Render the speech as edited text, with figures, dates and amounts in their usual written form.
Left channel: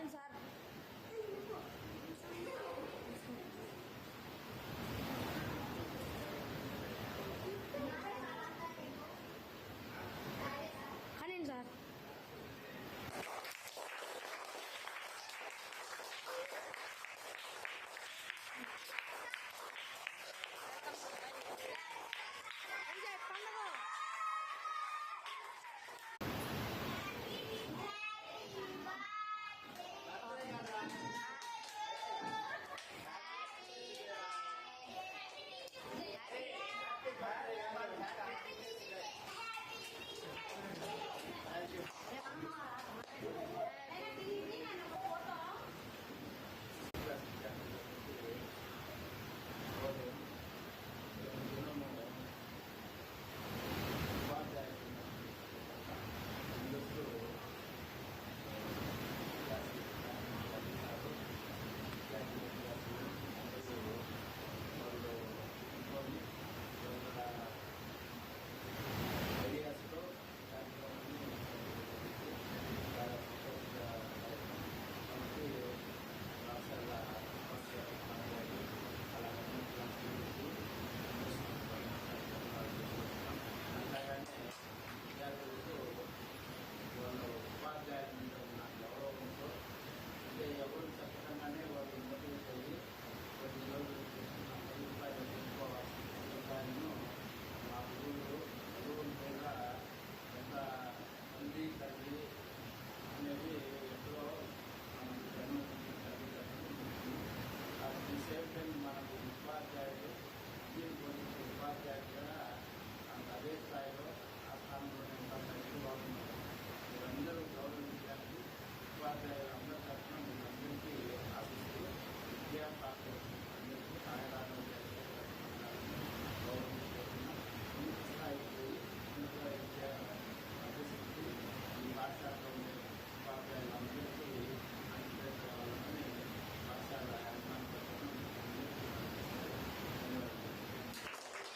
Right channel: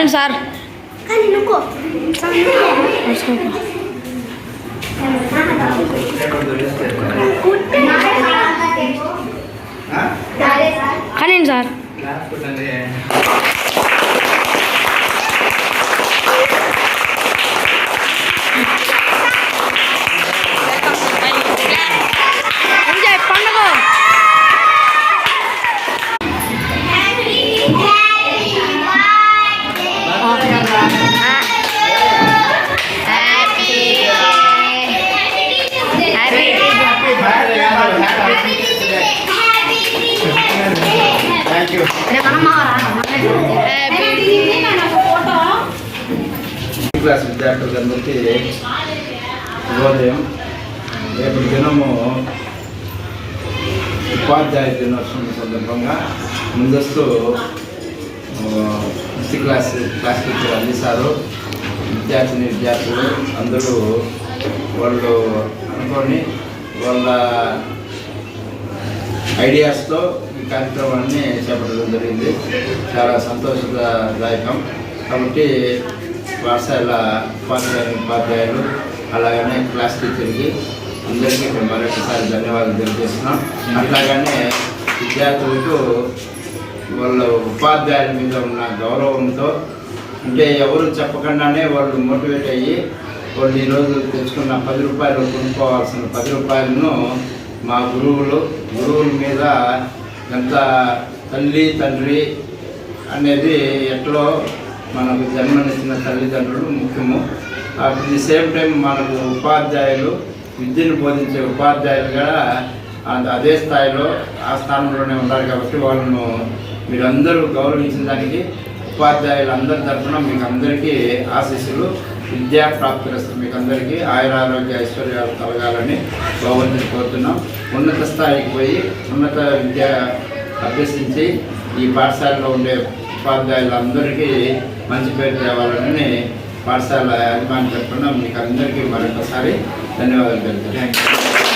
కానివ్వండి సార్. కానివ్వండి సార్. పండుగ క్లాస్ విద్యార్థులందరికీ శుభోదయం. రేపు దినము ఉపాధ్యాయ దినోత్సవం సందర్భంగా ముందస్తు క్లాస్ టీచర్ అందిస్తారు. విద్యార్థులు అందరూ వాళ్ళు అనుకొని వాళ్ళ ఐడియాస్తో ఈ కార్యక్రమాన్ని చేపట్టడం జరిగింది. చాలా సంతోషదాయకం. కాబట్టి పాఠశాల ఉపాధ్యాయులు అలాగనే క్లాస్ టీచర్కి అందరికీ మరొకసారి ధన్యవాదాలు తెలియజేస్తున్నాం. అట్లాగనే విద్యార్థులకు వాళ్ళ ఉపాధ్యాయుల మీద ఉన్న గౌరవంతో, అంటే ఎవరు చెప్పకుండానే వాళ్ళు మోటివేట్ అయ్యి వాళ్ళు ఈరోజు తెచ్చుకున్న 10 రూపాయలు కొనుక్కోవాల్సిన 10 రూపాయలను మా గురువుల మీద ఎంత తల్లి తండ్రి అనేది ఎట్లో మనకు జన్మనిచ్చిన తల్లిదండ్రులు ముఖ్యము. అట్ ది సేమ్ టైం మనకు ఉపాధ్యాయులు, విద్యను బోధించే ఉపాధ్యాయులు కూడా అదే స్థాయిలో ఆ స్థానంలోనే ఉన్నారు. కాబట్టి వాళ్ళను మీరందరూ గౌరవించిన దానికి ఉపాధ్యాయులు అందరి తరఫున మీకు అందరికీ ఆశీస్సులు, విద్యా ప్రాప్తిరస్తు. మీకు అందరికీ ఆయురారోగ్య ఐశ్వర్యాలు కలగాలని భగవంతుని కోరుతున్నాం. ఉన్నత స్థాయికి పోయి ఉన్నత విద్య అభ్యసించి ఈ పాఠశాలలో ఉండే ఉపాధ్యాయులందరికీ మంచి పేరు తేవాలని పాఠశాల యజమాని తరఫున మీకు అందరికీ మరొకసారి ధన్యవాదాలు తెలుపుతున్నాను.